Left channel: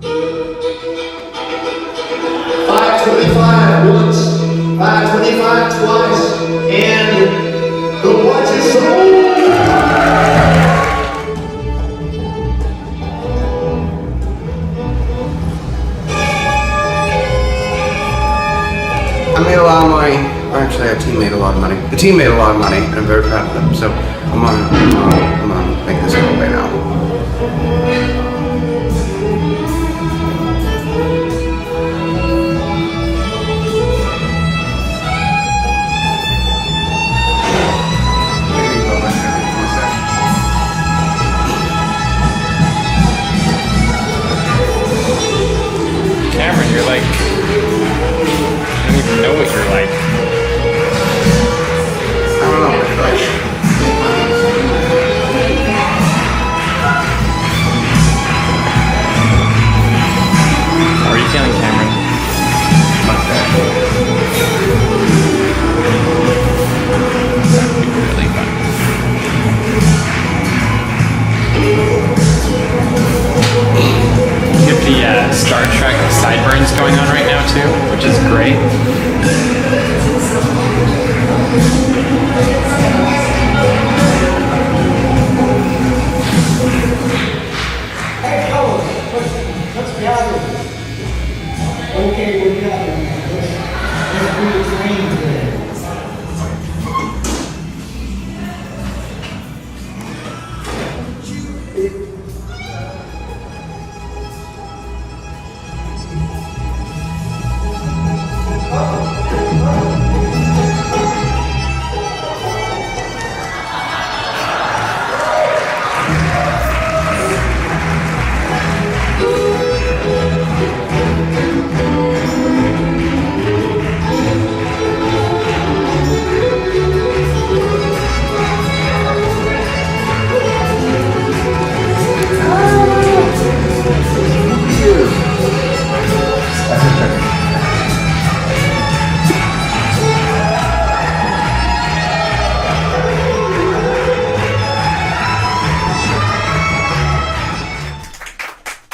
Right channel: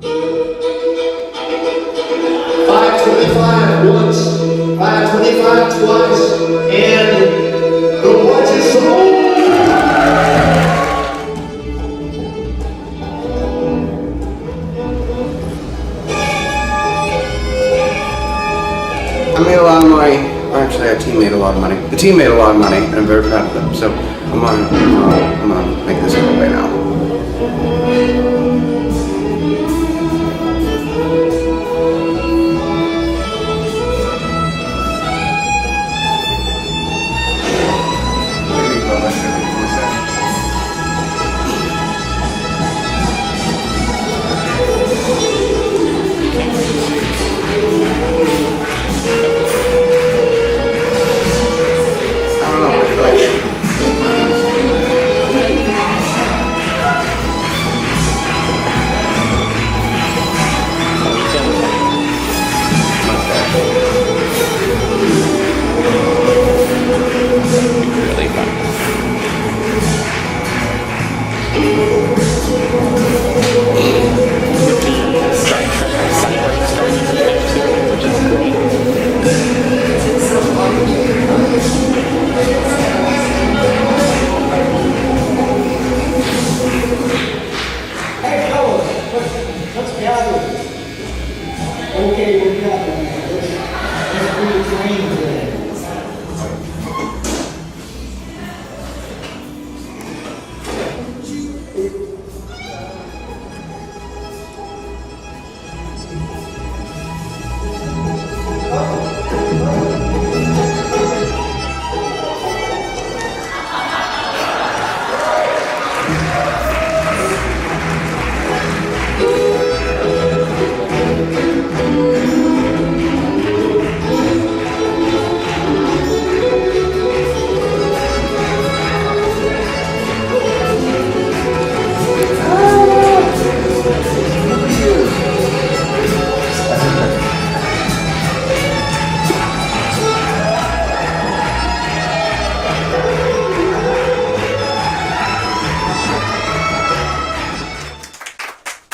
$5.25 once, $5.25 twice, and the watch is sold. I made a lot of money. Actually, our team made a lot of money. The team made a lot of money, and I'm very proud of them. So I'm gonna make this go away now. Cameron, you're like, I don't even know what you're like. I don't know what you're like. How are you feeling, Cameron? Much better. Really fun. You get the Star Trek sideburns going on right now too, which is great. Hey, fellas, let's gather. Okay, we're gathering. Let's do the train today.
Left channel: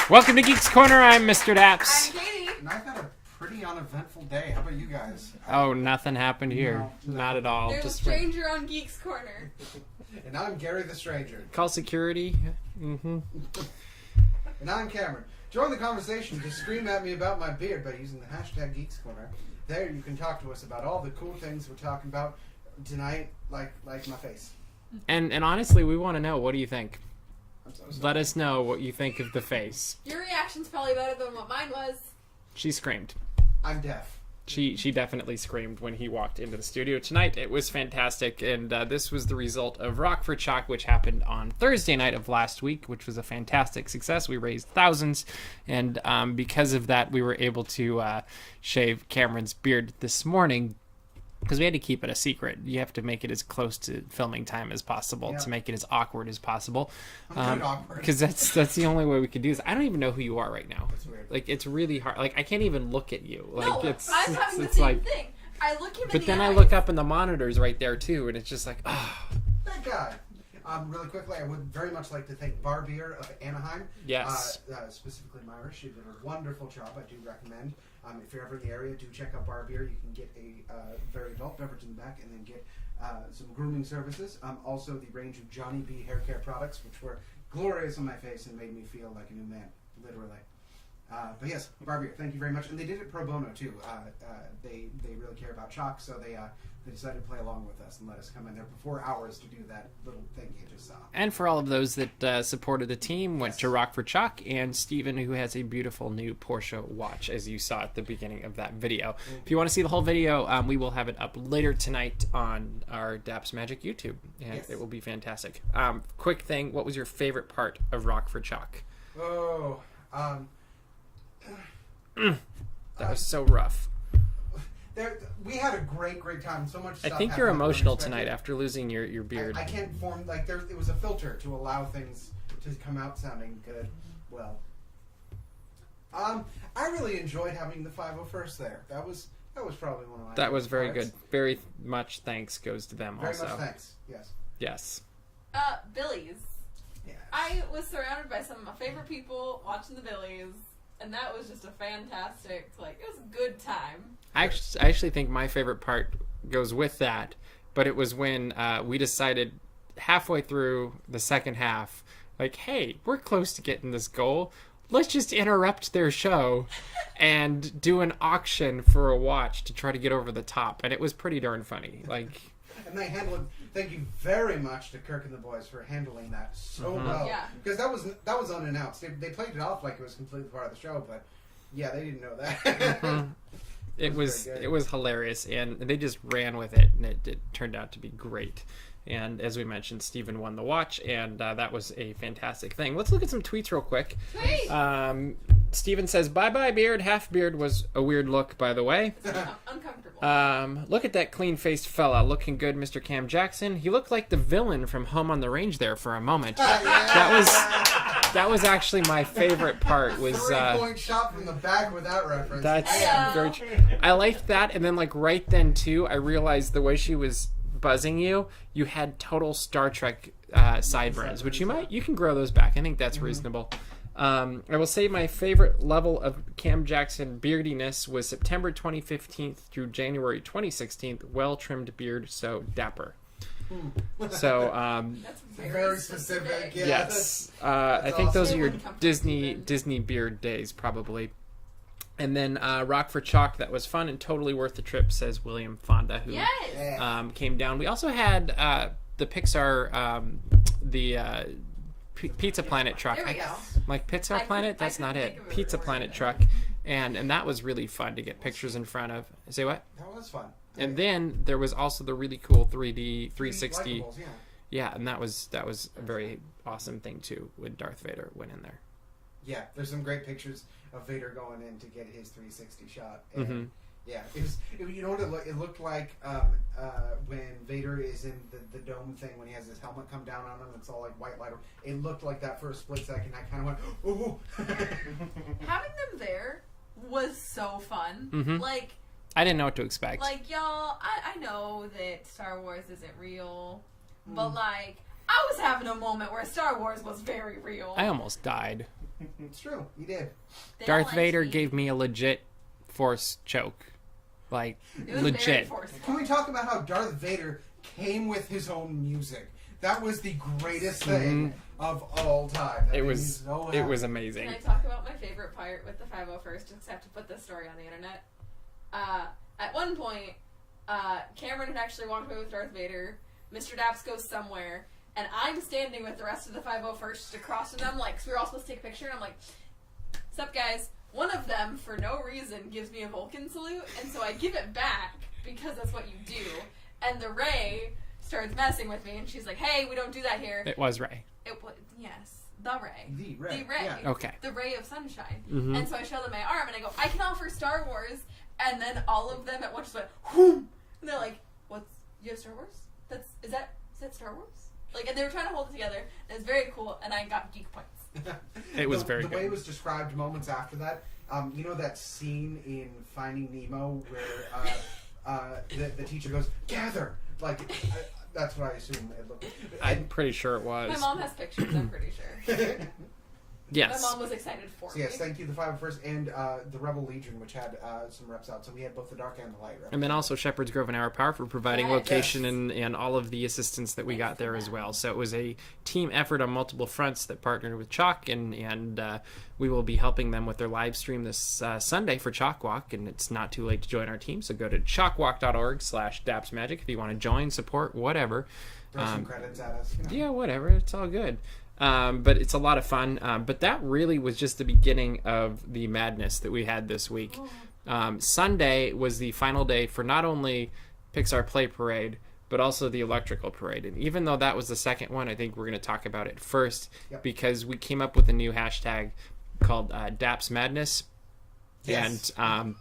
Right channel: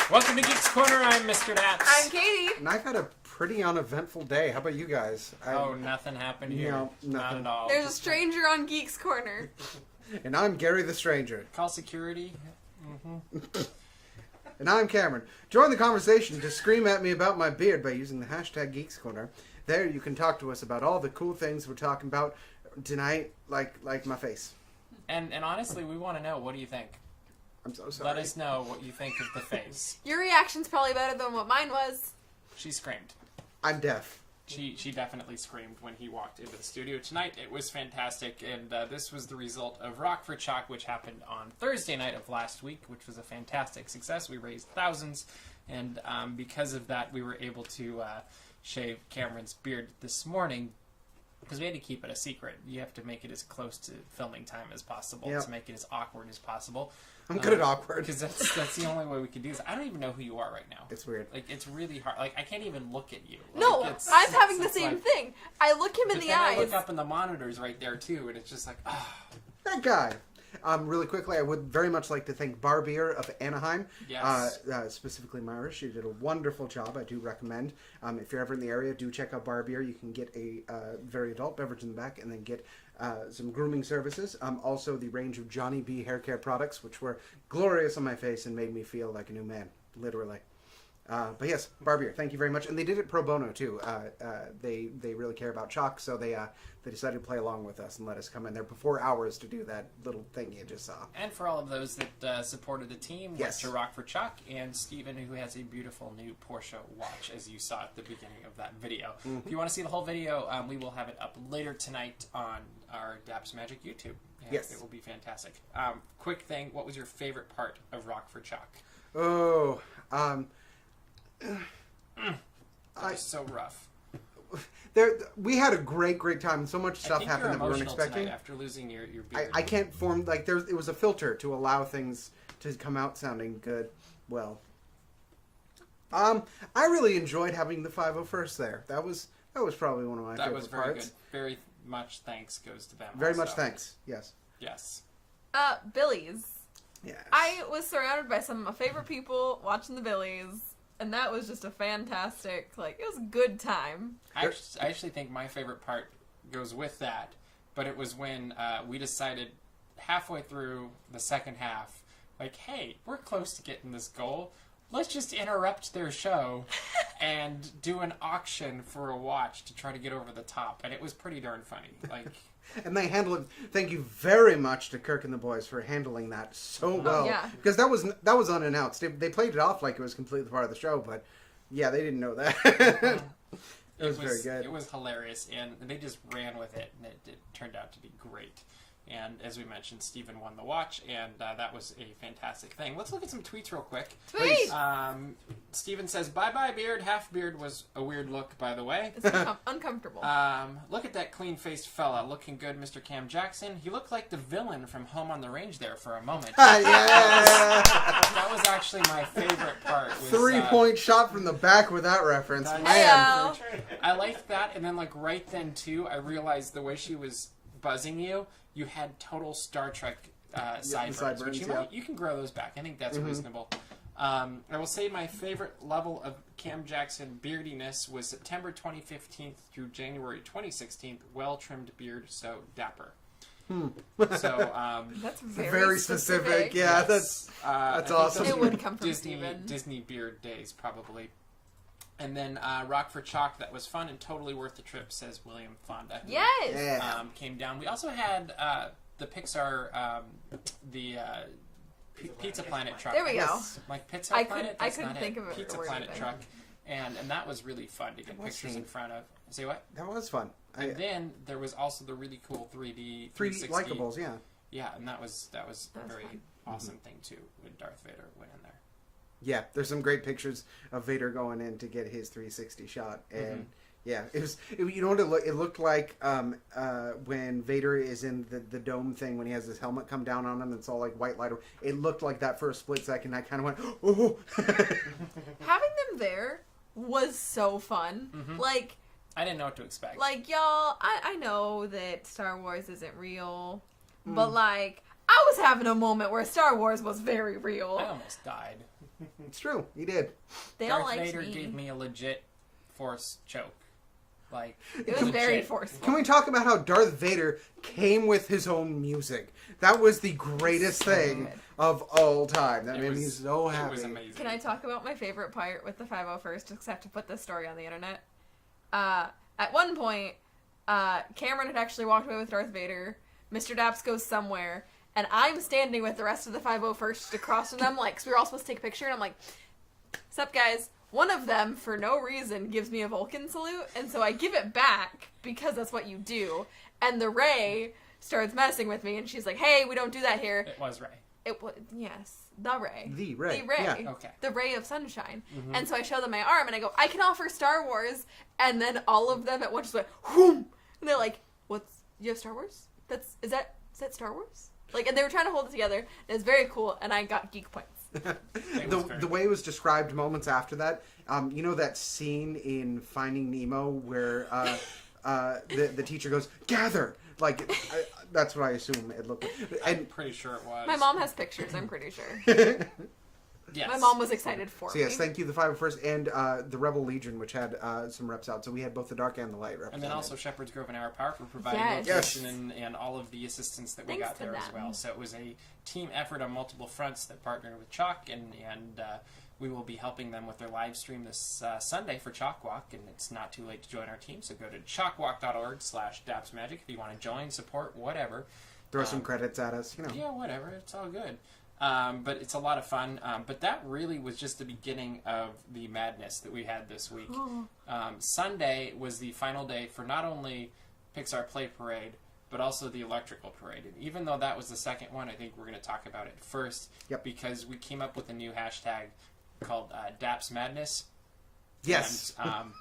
Welcome to Geeks Corner. I'm Mr. DAPs. I'm Katie. And I've had a pretty uneventful day. How about you guys? Oh, nothing happened here. No, Not at all. There's a Just stranger on Geeks Corner. And I'm Gary the Stranger. call security. Mm-hmm. And I'm Cameron. Join the conversation to scream at me about my beard by using the hashtag Geeks Corner. There you can talk to us about all the cool things we're talking about tonight, like my face. And honestly, we want to know, what do you think? I'm so sorry. Let us know what you think of the face. Your reaction's probably better than what mine was. She screamed. I'm deaf. She definitely screamed when he walked into the studio tonight. It was fantastic, and this was the result of Rock for Chalk, which happened on Thursday night of last week, which was a fantastic success. We raised thousands, and because of that, we were able to shave Cameron's beard this morning, because we had to keep it a secret. You have to make it as close to filming time as possible to make it as awkward as possible. I'm good at awkward. Because that's the only way we could do this. I don't even know who you are right now. It's weird. Like, it's really hard. Like, I can't even look at you. Like, No, it's, I'm having the it's same like, thing. I look him in But the then eyes. I look up and the monitor's right there too, and it's just like, oh. That guy. Really quickly, I would very much like to thank Barbier of Anaheim. Yes. Specifically Myra. She did a wonderful job. I do recommend. If you're ever in the area, do check out Barbier. You can get a very adult beverage in the back and then get some grooming services. Also, the range of Johnny B hair care products, which were glorious on my face and made me feel like a new man, literally. But yes, Barbier, thank you very much. And they did it pro bono, too. They really care about chalk, so they decided to play along with us and let us come in there for 4 hours to do that little thing you just saw. And for all of those that supported the team, went to Rock for Chalk, and Steven, who has a beautiful new Porsche watch, as you saw at the beginning of that video. Mm-hmm. If you want to see the whole video, we will have it up later tonight on our DAPs Magic YouTube. And Yes. it will be fantastic. Quick thing, what was your favorite part of Rock for Chalk? Oh, That was so rough. we had a great time, and so much stuff I think happened you're that we weren't emotional expecting. tonight after losing your beard. I can't form, like, it was a filter to allow things to come out sounding good. Well, I really enjoyed having the 501st there. That was probably one of my That was favorite very parts. good. Very much thanks goes to them. Very also. much thanks. Yes. Yes. Billies. Yes. I was surrounded by some of my favorite people watching the Billies. and that was just a fantastic, like, it was a good time. I actually think my favorite part goes with that, but it was when we decided halfway through the second half, like, hey, we're close to getting this goal. Let's just interrupt their show and do an auction for a watch to try to get over the top. And it was pretty darn funny. Like, and they handled it. Thank you very much to Kirk and the boys for handling that so well. Yeah. Because that was unannounced. They played it off like it was completely part of the show, but yeah, they didn't know that. It was very good. it was hilarious, and they just ran with it, and it turned out to be great. And as we mentioned, Steven won the watch, and that was a fantastic thing. Let's look at some tweets real quick. Tweet! Steven says, bye-bye beard. Half beard was a weird look, by the way. It's uncomfortable. Look at that clean-faced fella. Looking good, Mr. Cam Jackson. He looked like the villain from Home on the Range there for a moment. That was actually my favorite part. Was 3-point shot from the back with that reference. That's Man. I liked that, and then like right then too, I realized the way she was buzzing you had total Star Trek sideburns, which you can grow those back. I think that's reasonable. I will say my favorite level of Cam Jackson beardiness was September 2015 through January 2016. Well-trimmed beard, so dapper. So that's very specific. Yeah, yes. that's I think awesome. those It are your wouldn't come from Steven. Disney beard days, probably. And then Rock for Chalk, that was fun and totally worth the trip, says William Fonda, who Yes! came down. We also had the Pixar, Pizza Planet truck. There we go. Like Pizza I Planet? That's couldn't not think it. of a Pizza word Planet then. truck. And that was really fun to get pictures in front of. Say what? That was fun. And then there was also the really cool 3D 360. Likeables, yeah. Yeah, and that was a very awesome thing too when Darth Vader went in there. Yeah, there's some great pictures of Vader going in to get his 360 shot, and yeah, you know what it looked like when Vader is in the dome thing when he has his helmet come down on him. It's all like white light. It looked like that for a split second. I kind of went, oh. Having them there was so fun. Like, I didn't know what to expect. Like, y'all, I know that Star Wars isn't real, but like, I was having a moment where Star Wars was very real. I almost died. It's true, he did. Darth Vader gave me a legit force choke. Like, It was legit. very forceful. Can we talk about how Darth Vader came with his own music? That was the greatest thing of all time. That made me so happy. It was amazing. Can I talk about my favorite part with the 501st? Just have to put this story on the internet. At one point, Cameron had actually walked away with Darth Vader. Mr. Daps goes somewhere, and I'm standing with the rest of the 501st across from them, like, because we were all supposed to take a picture, and I'm like, "Sup, guys?" One of them, for no reason, gives me a Vulcan salute, and so I give it back because that's what you do. And the Rey starts messing with me, and she's like, "Hey, we don't do that here." It was Rey. It was, yes, the Rey. The Rey. The Rey. Yeah. Okay. The Ray of Sunshine. And so I show them my arm, and I go, "I can offer Star Wars." And then all of them at once just went, whoom! And they're like, you have Star Wars? Is that Star Wars? Like, and they were trying to hold it together. It was very cool, and I got geek points. It was very the good. way it was described moments after that. You know that scene in Finding Nemo where the teacher goes, "Gather!" Like, that's what I assume it looked like. I'm pretty sure it was. My mom has pictures, I'm pretty sure. Yes. My mom was excited for So me. yes, thank you, the 501st and the Rebel Legion, which had some reps out. So we had both the dark and the light reps. And then also Shepherd's Grove and Hour Power for providing Yes. location Yes. and all of the assistance that we Thanks got to there as them. well. So it was a team effort on multiple fronts that partnered with Chalk, and we will be helping them with their live stream this Sunday for Chalk Walk, and it's not too late to join our team. So go to chalkwalk.org/dapsmagic if you want to join, support, whatever. Throw some credits at us. You know. Yeah, whatever. It's all good. But it's a lot of fun. But that really was just the beginning of the madness that we had this week. Sunday was the final day for not only Pixar Play Parade, but also the Electrical Parade. And even though that was the second one, I think we're going to talk about it first because we came up with a new hashtag called DAPs Madness. Yes. And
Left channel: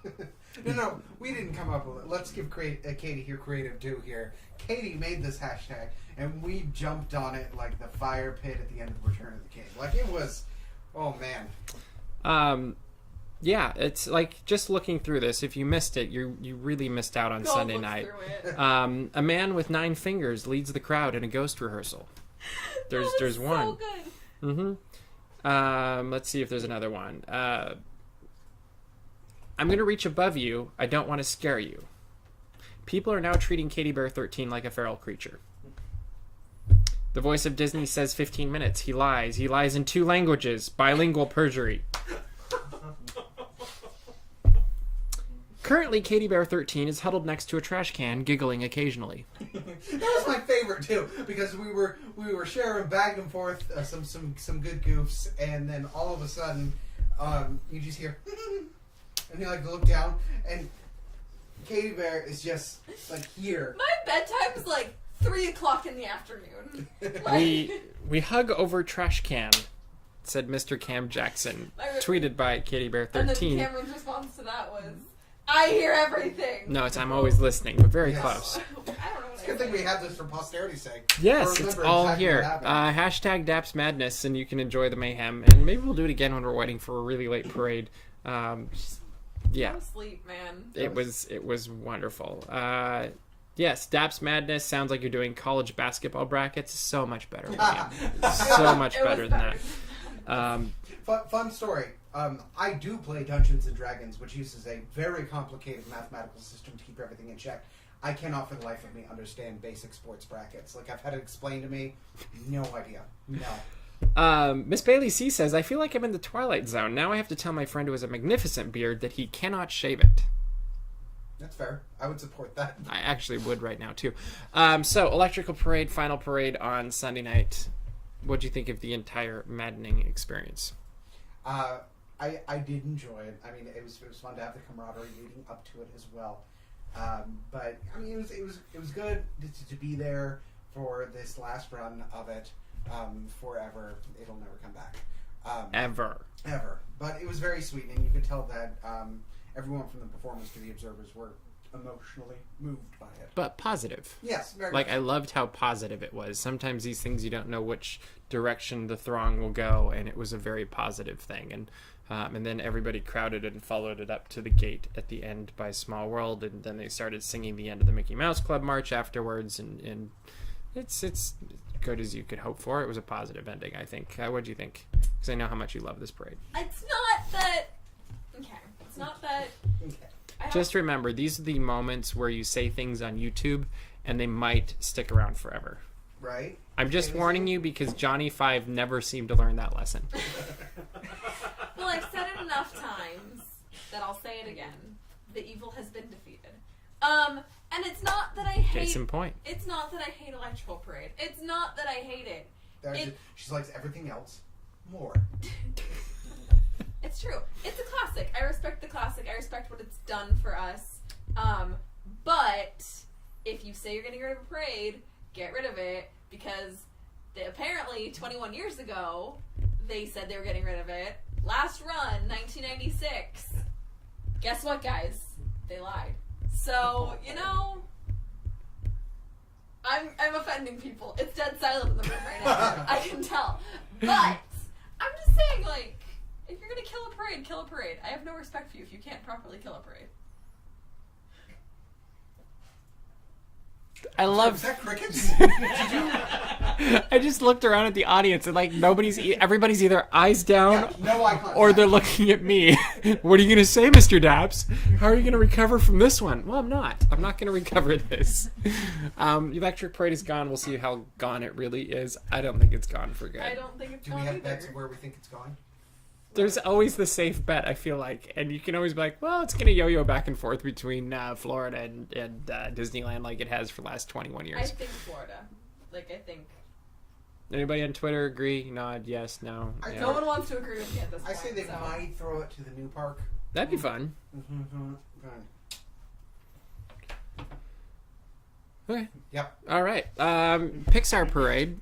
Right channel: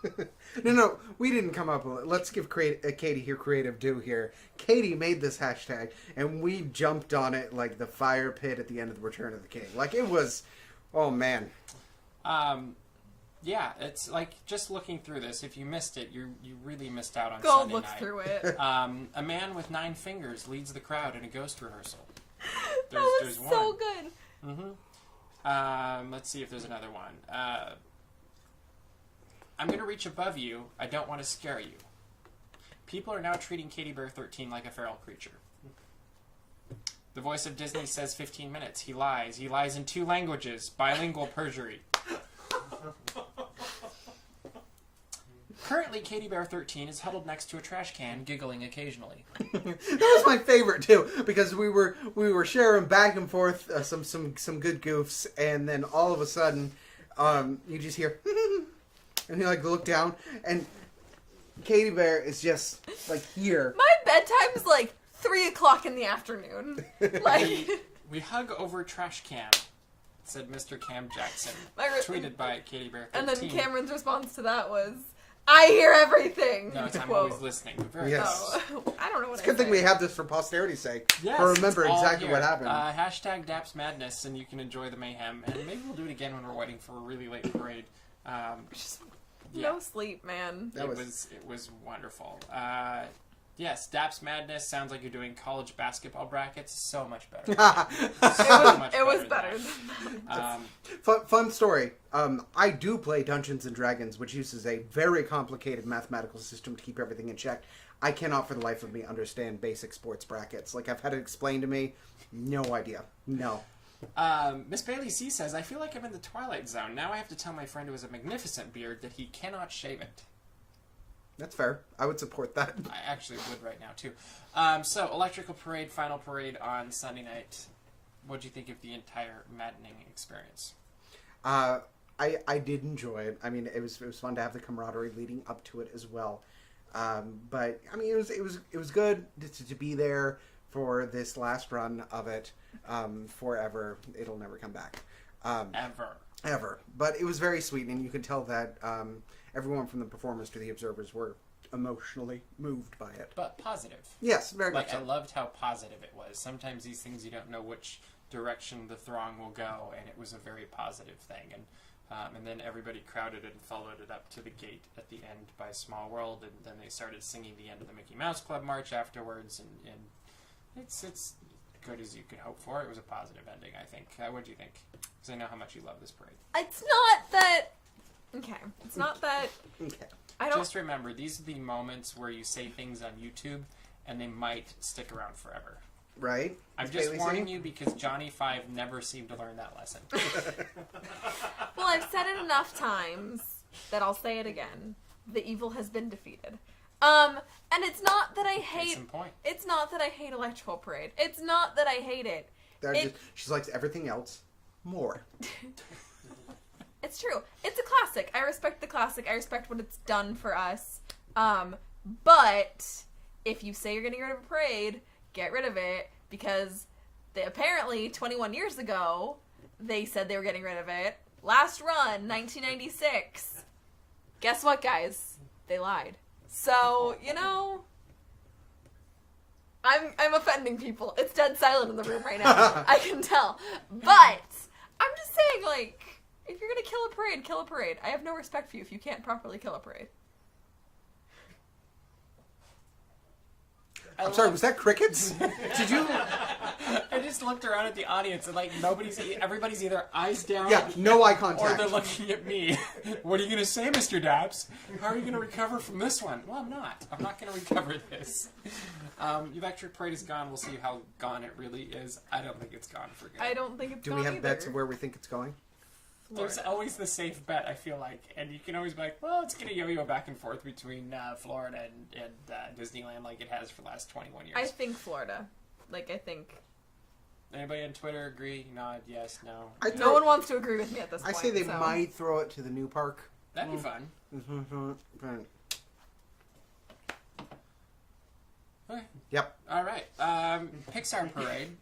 No, we didn't come up with it. Let's give Katie here creative due here. Katie made this hashtag, and we jumped on it like the fire pit at the end of the Return of the King. Like, it was, oh man. yeah, it's like just looking through this. If you missed it, you really missed out on Go Sunday look night. through it. A man with 9 fingers leads the crowd in a ghost rehearsal. There's that was one. so good. Let's see if there's another one. I'm going to reach above you. I don't want to scare you. People are now treating Katy Bear 13 like a feral creature. The voice of Disney says 15 minutes. He lies. He lies in 2 languages. Bilingual perjury. Currently, Katy Bear 13 is huddled next to a trash can, giggling occasionally. That was my favorite too, because we were sharing back and forth some good goofs, and then all of a sudden, you just hear, and you like look down, and Katy Bear is just like here. My bedtime is like 3 o'clock in the afternoon. Like, We hug over trash can, said Mr. Cam Jackson, tweeted by Katy Bear 13. and then Cameron's response to that was, I hear everything. No, it's I'm always listening, but very Yes. close. I don't know what It's a good thing we have this for posterity's sake. Yes, Or it's remember all exactly here. what happened. Hashtag DAPs Madness, and you can enjoy the mayhem. And maybe we'll do it again when we're waiting for a really late parade. Yeah, No sleep, man. it was wonderful. Yes, DAPs Madness sounds like you're doing college basketball brackets. So much better. So much It better was than better. that. Fun story. I do play Dungeons and Dragons, which uses a very complicated mathematical system to keep everything in check. I cannot for the life of me understand basic sports brackets. Like, I've had it explained to me. No idea. No. Miss Bailey C says, I feel like I'm in the Twilight Zone. Now I have to tell my friend who has a magnificent beard that he cannot shave it. That's fair. I would support that. I actually would right now, too. So, Electrical Parade, final parade on Sunday night. What'd you think of the entire maddening experience? I did enjoy it. I mean, it was fun to have the camaraderie leading up to it as well. But I mean, it was good to be there for this last run of it. Forever, it'll never come back. Ever. But it was very sweet, and you could tell that everyone from the performers to the observers were emotionally moved by it. But positive. Yes, very Like, much I so. loved how positive it was. Sometimes these things you don't know which direction the throng will go, and it was a very positive thing. And then everybody crowded and followed it up to the gate at the end by Small World, and then they started singing the end of the Mickey Mouse Club march afterwards, and it's good as you could hope for. It was a positive ending, I think. What do you think? Because I know how much you love this parade. It's not that. Okay. It's not that. Okay. I don't. Just remember, these are the moments where you say things on YouTube, and they might stick around forever. Right? I'm just Bailey warning saying? you because Johnny 5 never seemed to learn that lesson. Well, I've said it enough times that I'll say it again. The evil has been defeated. And it's not that I hate. Case in point. It's not that I hate Electrical Parade. It's not that I hate it. She likes everything else more. It's true. It's a classic. I respect the classic. I respect what it's done for us. But if you say you're getting rid of a parade, get rid of it, because apparently 21 years ago they said they were getting rid of it. Last run, 1996. Guess what, guys? They lied. So, I'm offending people. It's dead silent in the room right now. I can tell. But I'm just saying, like, if you're gonna kill a parade, kill a parade. I have no respect for you if you can't properly kill a parade. I Sorry, love. was that crickets? I just looked around at the audience and like everybody's either eyes down Yeah, no eye contact. or they're looking at me. What are you gonna say, Mr. Daps? How are you gonna recover from this one? Well, I'm not. I'm not gonna recover this. Electric Parade is gone. We'll see how gone it really is. I don't think it's gone for good. I don't think it's Do gone we have either. bets of where we think it's going? There's always the safe bet, I feel like, and you can always be like, well, it's gonna yo-yo back and forth between Florida and Disneyland like it has for the last 21 years. I think Florida. Like, I think... Anybody on Twitter agree? Nod, yes, no. Yeah. No one wants to agree with me at this I point. say they so. might throw it to the new park. That'd be fun. Okay. Yep. All right. Pixar Parade.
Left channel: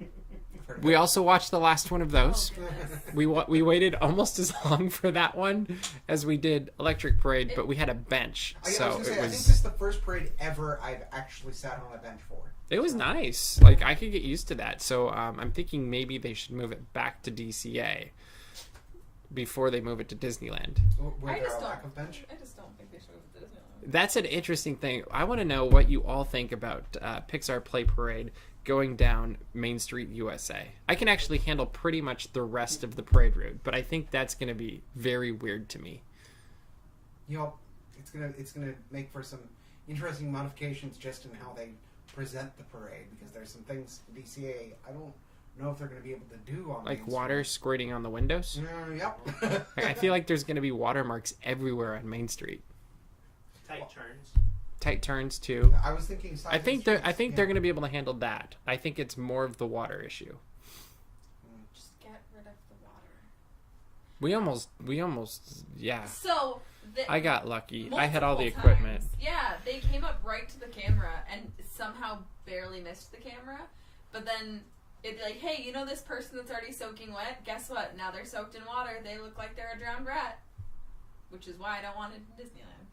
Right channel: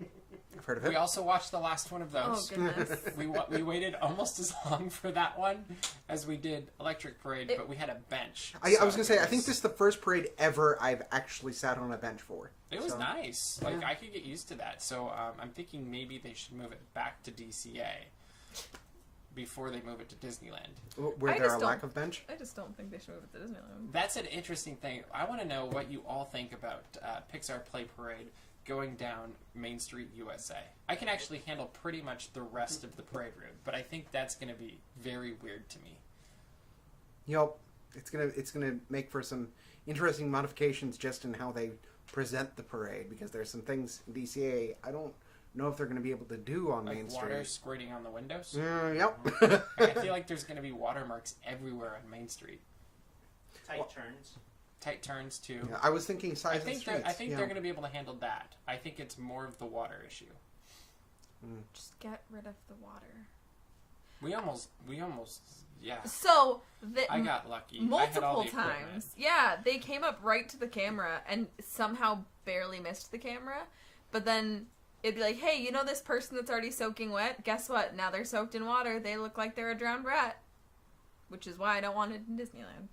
I've heard of We it. also watched the last one of Oh, those. goodness. We waited almost as long for that one as we did Electric Parade, but we had a bench. I was so going to say, I it think was- this is the first parade ever I've actually sat on a bench for. It was nice. Like, I could get used to that. So I'm thinking maybe they should move it back to DCA before they move it to Disneyland. Were I there just a lack don't- of bench? I just don't think they should move it to Disneyland. That's an interesting thing. I want to know what you all think about Pixar Play Parade going down Main Street, USA. I can actually handle pretty much the rest of the parade route, but I think that's going to be very weird to me. You know, it's gonna make for some interesting modifications just in how they present the parade, because there's some things in DCA I don't know if they're going to be able to do on Like Main water Street. squirting on the windows. Yep. I feel like there's going to be watermarks everywhere on Main Street. Tight turns. Tight turns too. I was thinking size I think they're streets, going to be able to handle that. I think it's more of the water issue. Just get rid of the water. We almost yeah. So I got lucky. I multiple had all the equipment. times, yeah, they came up right to the camera and somehow barely missed the camera. But then it'd be like, hey, you know this person that's already soaking wet? Guess what? Now they're soaked in water. They look like they're a drowned rat. Which is why I don't want it in Disneyland.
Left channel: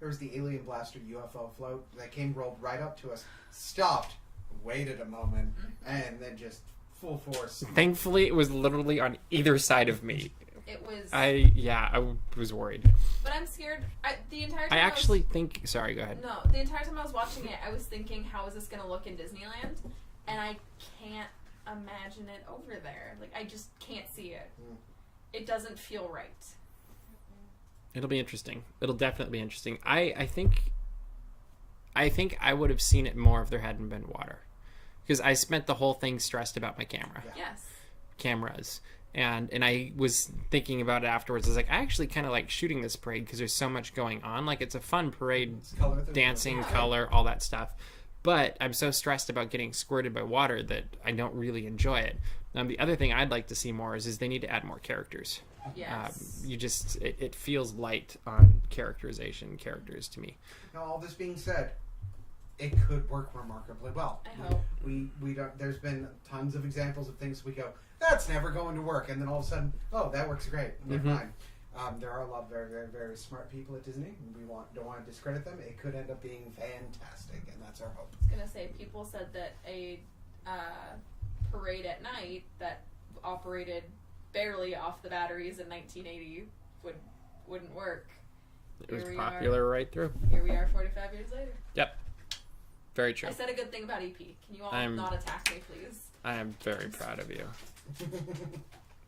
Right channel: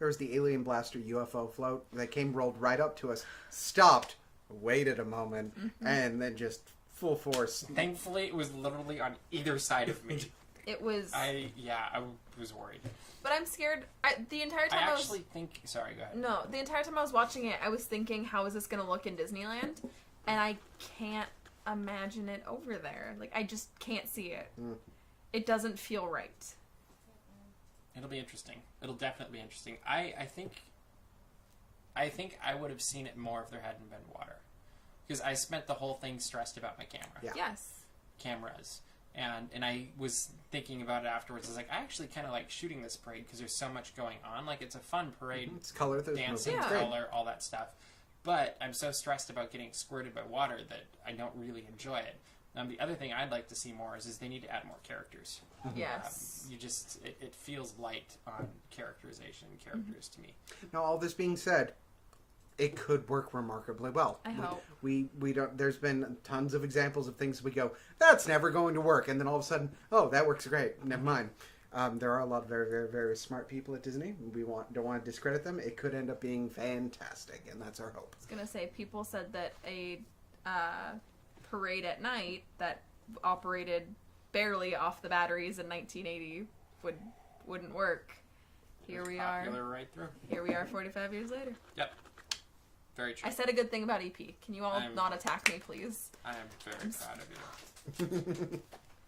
There was the Alien Blaster UFO float that rolled right up to us, stopped, waited a moment, and then just full force. Thankfully, it was literally on either side of me. It was... I was worried. But I'm scared. The entire time I actually think... Sorry, go ahead. No, the entire time I was watching it, I was thinking, how is this going to look in Disneyland? And I can't imagine it over there. Like, I just can't see it. It doesn't feel right. It'll be interesting. It'll definitely be interesting. I think I would have seen it more if there hadn't been water. Because I spent the whole thing stressed about my camera. Yeah. Yes. Cameras. And I was thinking about it afterwards. I was like, I actually kind of like shooting this parade because there's so much going on. Like, it's a fun parade. It's color. Dancing, Yeah. color, all that stuff. But I'm so stressed about getting squirted by water that I don't really enjoy it. The other thing I'd like to see more is they need to add more characters. Yes. It feels light on characters to me. Now, all this being said, it could work remarkably well. I hope. We don't. There's been tons of examples of things we go, that's never going to work, and then all of a sudden, oh, that works great. Never mind. There are a lot of very, very, very smart people at Disney. We don't want to discredit them. It could end up being fantastic, and that's our hope. I was going to say, people said that a parade at night that operated barely off the batteries in 1980 wouldn't work. It was popular right through. Here we are 45 years later. Yep. Very true. I said a good thing about EP. Can you all not attack me, please? I am very proud of you.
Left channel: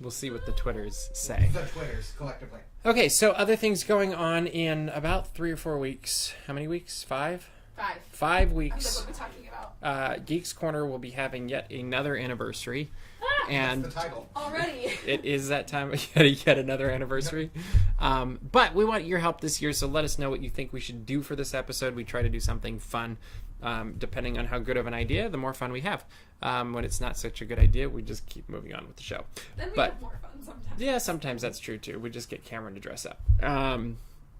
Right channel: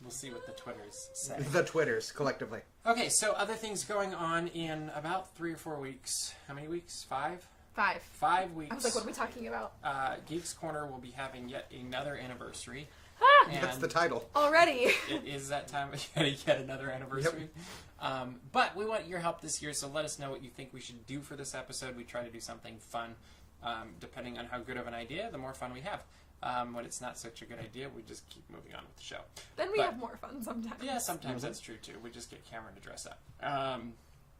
We'll see what the Twitters say. The Twitters, collectively. Okay, so other things going on in about 3 or 4 weeks. How many weeks? 5? 5. 5 I was weeks. like, what are we talking about? Geeks Corner will be having yet another anniversary. Ah! And That's the title. Already. it is that time yet another anniversary. But we want your help this year, so let us know what you think we should do for this episode. We try to do something fun. Depending on how good of an idea, the more fun we have. When it's not such a good idea, we just keep moving on with the show. Then we have more fun sometimes. Yeah, sometimes that's true too. We just get Cameron to dress up.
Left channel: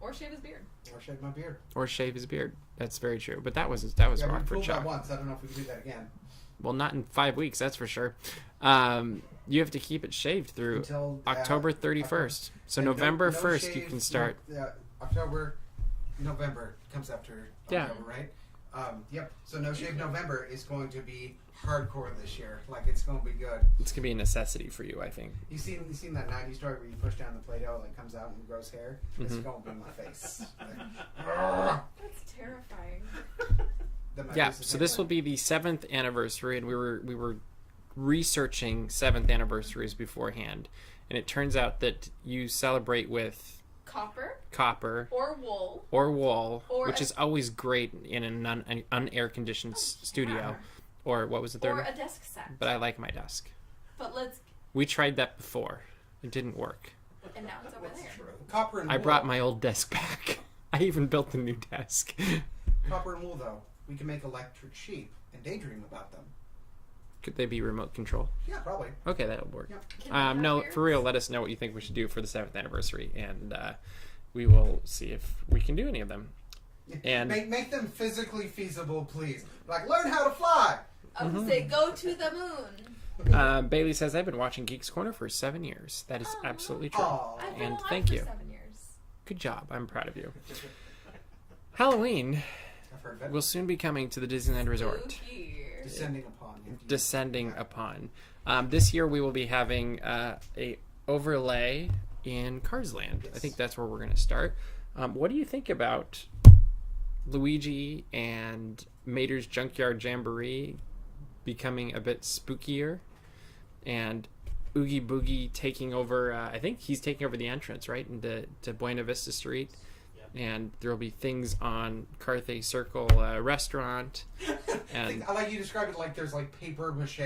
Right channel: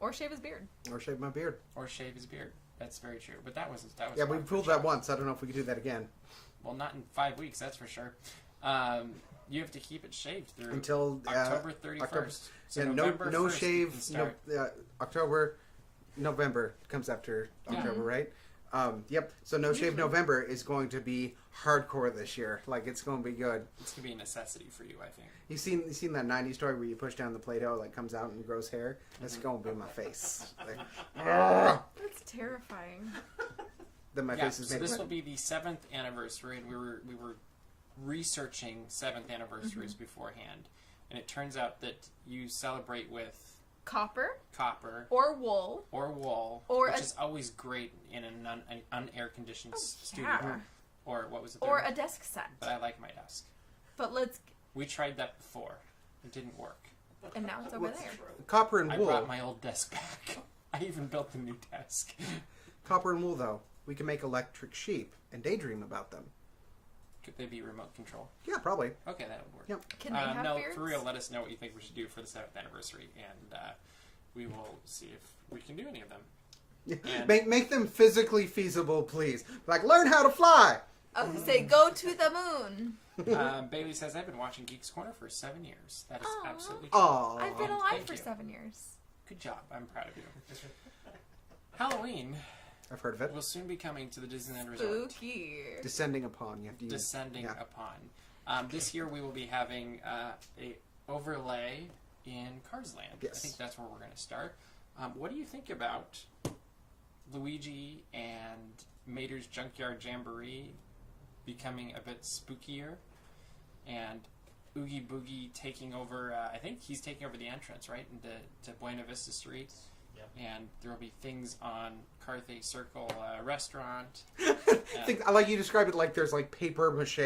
Or shave his beard. Or shave my beard. Or shave his beard. That's very true. But that was Yeah, we Rockford pulled Chalk. that once. I don't know if we can do that again. Well, not in 5 weeks, that's for sure. You have to keep it shaved through Until October 31st. October. So And November no 1st, shave, you can start. November comes after Yeah. October, right? Yep. So No Shave November is going to be hardcore this year. Like, it's going to be good. It's going to be a necessity for you, I think. You seen that 90s story where you push down the Play-Doh, like, comes out and grows hair? It's going to be my face. Like, That's terrifying. then my Yeah, face is so this will be the 7th anniversary, and we were researching 7th anniversaries beforehand. And it turns out that you celebrate with copper Or wool. or wool, Or which a- is always great in an unair conditioned studio. yeah. Or what was the third? Or one? a desk set. But I like my desk. But let's... We tried that before. It didn't work. And now it's over there. Copper and wool. I brought my old desk back. I even built a new desk. Copper and wool, though. We can make electric sheep and daydream about them. Could they be remote control? Yeah, probably. Okay, that'll work. Yep. Can they have No, beards? for real, let us know what you think we should do for the 7th anniversary, and we will see if we can do any of them. And Make them physically feasible, please. Like, learn how to fly! I would say, go to the moon. Bailey says, I've been watching Geeks Corner for 7 years. That is Aw. absolutely true. Oh, I've been And alive thank for you. 7 years. Good job. I'm proud of you. Halloween I've heard of it. will soon be coming to the Disneyland Resort. Spooky. Descending upon you. Descending Yeah. upon. This year we will be having a overlay in Cars Land. Yes. I think that's where we're going to start. What do you think about Luigi and Mater's Junkyard Jamboree becoming a bit spookier, and Oogie Boogie taking over? I think he's taking over the entrance, right, into Buena Vista Street. Yep. and there will be things on Carthay Circle restaurant. And I like you described it like there's like paper mache.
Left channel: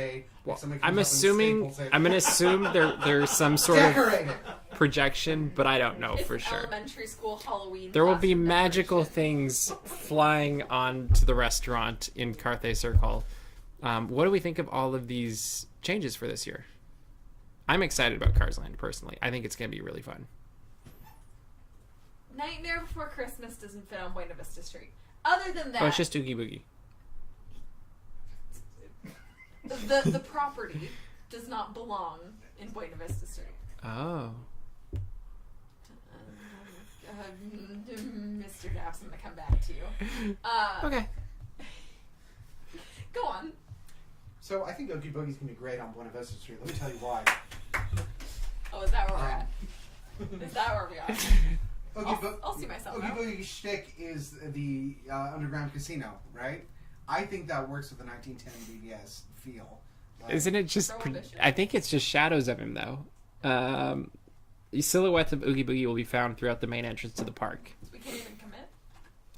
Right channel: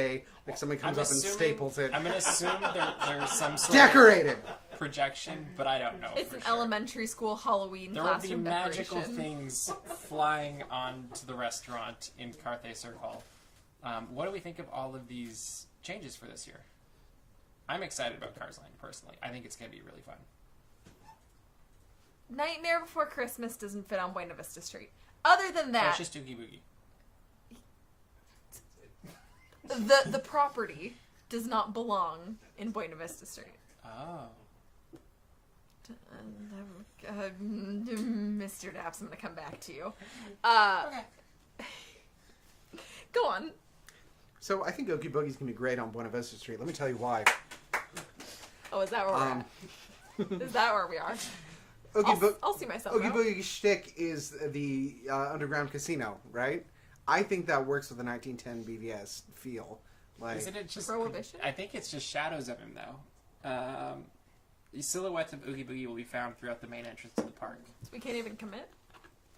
Like somebody comes I'm up assuming and staples it. I'm gonna assume there's some sort Decorated. of projection, but I don't know It's for an sure. elementary school Halloween. There will be classroom magical decoration. things flying onto the restaurant in Carthay Circle. What do we think of all of these changes for this year? I'm excited about Cars Land personally. I think it's going to be really fun. Nightmare Before Christmas doesn't fit on Buena Vista Street. Other than that, Oh, it's just Oogie Boogie. the property does not belong in Buena Vista Street. Oh. Mr. Daps, I'm gonna come back to you. Okay. Go on. So I think Oogie Boogie's gonna be great on Buena Vista Street. Let me tell you why. Oh, is that where we're at? Is that where we are? I'll see myself Oogie out. Boogie's shtick is the underground casino, right? I think that works with the 1910 BVS feel. Like, Isn't it just... Prohibition? I think it's just shadows of him, though. The silhouettes of Oogie Boogie will be found throughout the main entrance to the park. We can't even commit.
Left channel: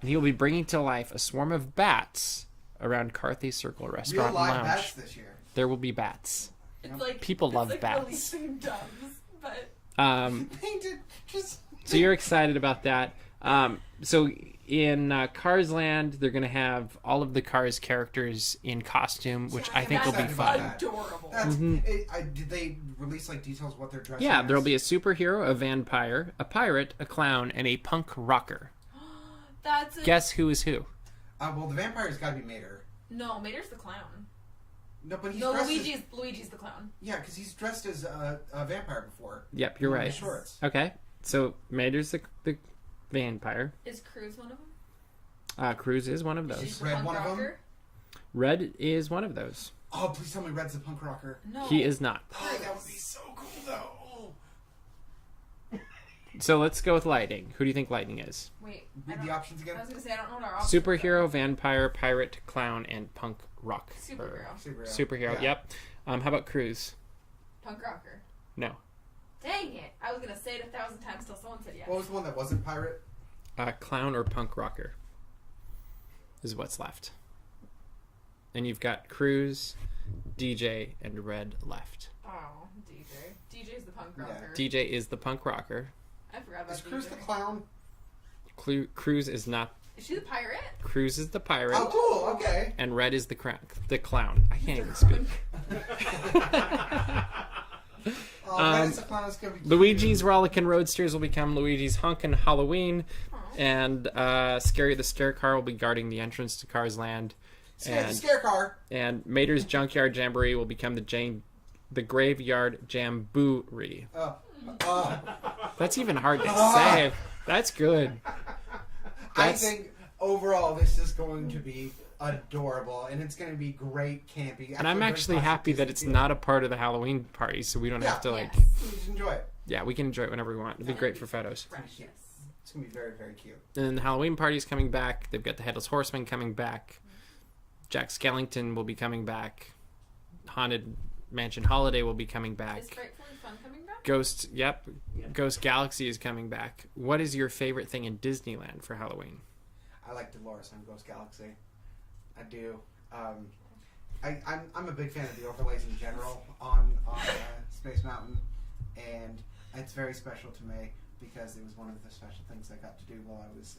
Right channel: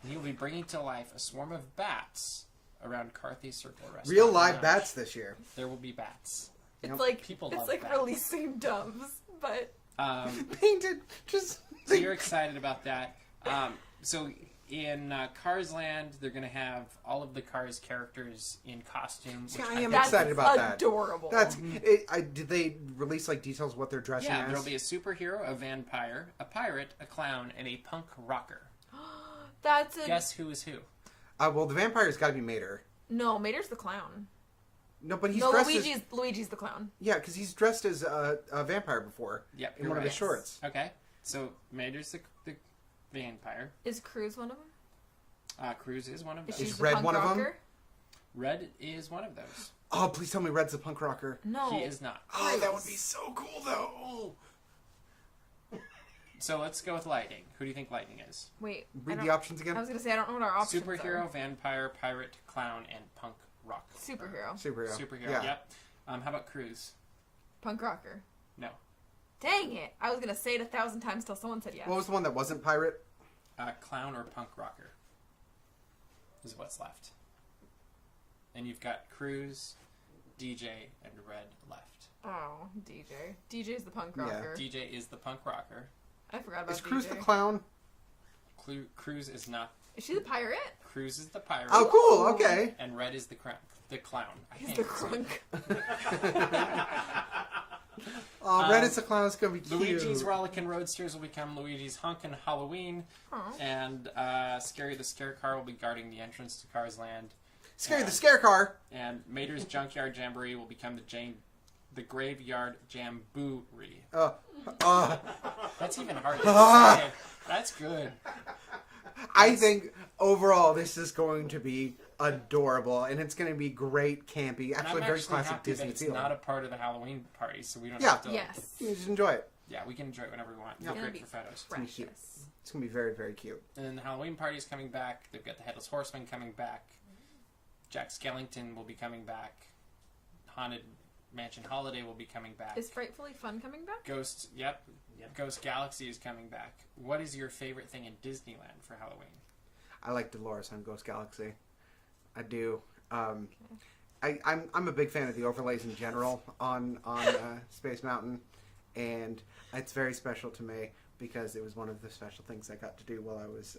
And he will be bringing to life a swarm of bats around Carthay Circle Restaurant real live Lounge. bats this year? There will be bats. It's like People it's love like bats. releasing doves, but Painted, just... So you're excited about that. So in Cars Land, they're going to have all of the Cars characters in costume, which I I am think will be excited fun. about that. adorable. That's... did they release like details of what they're dressing Yeah, as? there'll be a superhero, a vampire, a pirate, a clown, and a punk rocker. That's a... Guess who is who? Well, the vampire's got to be Mater. No, Mater's the clown. No, but he's No, dressed Luigi's the clown. Yeah, because he's dressed as a vampire before. Yep, in you're one of right. his shorts. Okay, so Mater's the vampire. Is Cruz one of them? Cruz is one of those. Is the Red punk one of 'em? rocker? Red is one of those. Oh, please tell me Red's a punk rocker. No. He is not. Oh, that would be so cool, though. So let's go with Lightning. Who do you think Lightning is? Wait. Read the options again. I was gonna say I don't know what our options Superhero, are. vampire, pirate, clown, and punk rock. Superhero. Superhero, Yeah. yep. How about Cruz? Punk rocker. No. Dang it! I was gonna say it 1,000 times till someone said yes. What was the one that wasn't pirate? Clown or punk rocker is what's left. And you've got Cruz, DJ, and Red left. Oh, DJ. DJ's the punk Yeah. rocker. DJ is the punk rocker. I forgot about Is Cruz DJ. the clown? Cruz is not. Is she the pirate? Cruz is the pirate. Oh, cool. Okay. And Red is the clown. I can't even speak. Red is the clown. It's gonna be cute. Luigi's Rollickin' Roadsters will become Luigi's Honkin' Halloween. Aw. And Scary the Scare Car will be guarding the entrance to Cars Land. The scare car. And Mater's Junkyard Jamboree will become the Graveyard Jamboree. That's even hard to say. That's good. I think overall this is going to be adorable, and it's going to be great, campy. And I'm very actually classic happy that Disney it's feel. not a part of the Halloween party, so we don't have to Yes. You can just enjoy it. Yeah, we can enjoy it whenever we want. It'd be great for photos. Precious. It's going to be very, very cute. And then the Halloween party's coming back. They've got the Headless Horseman coming back. Jack Skellington will be coming back. Haunted Mansion Holiday will be coming back. Is Frightfully Fun coming back? Ghost Ghost Galaxy is coming back. What is your favorite thing in Disneyland for Halloween? I like Dolores on Ghost Galaxy. I do. I'm a big fan of the overlays in general on Space Mountain, and it's very special to me because it was one of the special things I got to do while I was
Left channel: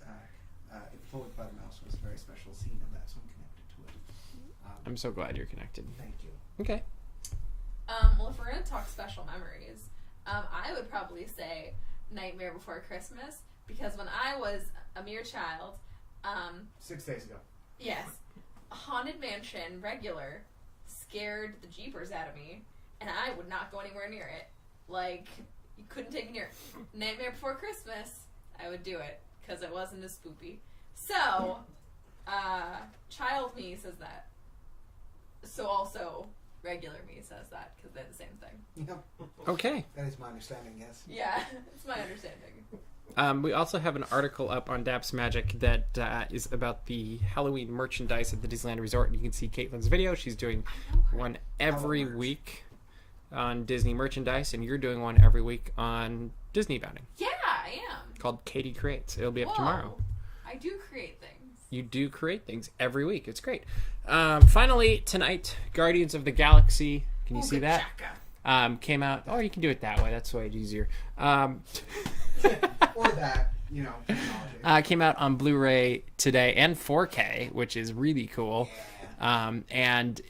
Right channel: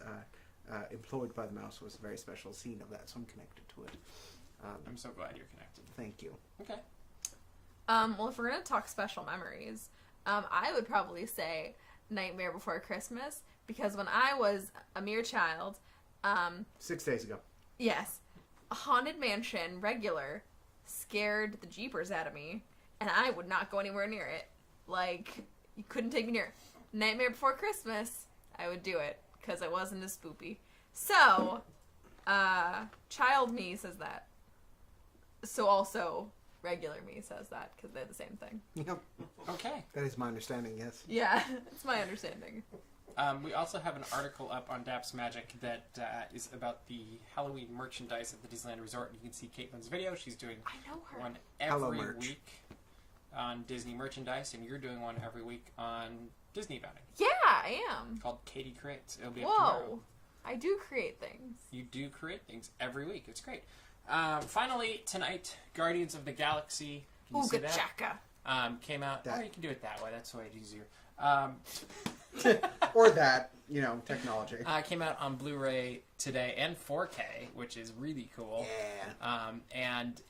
employed by the mouse. Was a very special scene of that, so I'm connected to it. I'm so glad you're connected. Thank you. Okay. Well, if we're gonna talk special memories, I would probably say Nightmare Before Christmas, because when I was a mere child, 6 days ago. yes, a Haunted Mansion regular scared the jeepers out of me, and I would not go anywhere near it. Like, you couldn't take me near it. Nightmare Before Christmas, I would do it, because it wasn't as spoopy. So, child me says that. So also, regular me says that, because they're the same thing. Yep. Okay. That is my understanding, yes. Yeah, it's my understanding. We also have an article up on DAPs Magic that is about the Halloween merchandise at the Disneyland Resort. You can see Caitlin's video. She's doing I know her. one every merch. week. on Disney merchandise, and you're doing one every week on Disney bounding Yeah, I am. called Katie Creates. It'll be up Whoa. tomorrow. I do create things. You do create things every week. It's great. Finally, tonight, Guardians of the Galaxy. Can you see that? Chaka. Came out. Oh, you can do it that way. That's way easier. Or that, technology. Came out on Blu-ray today and 4K, which is really cool. Yeah. And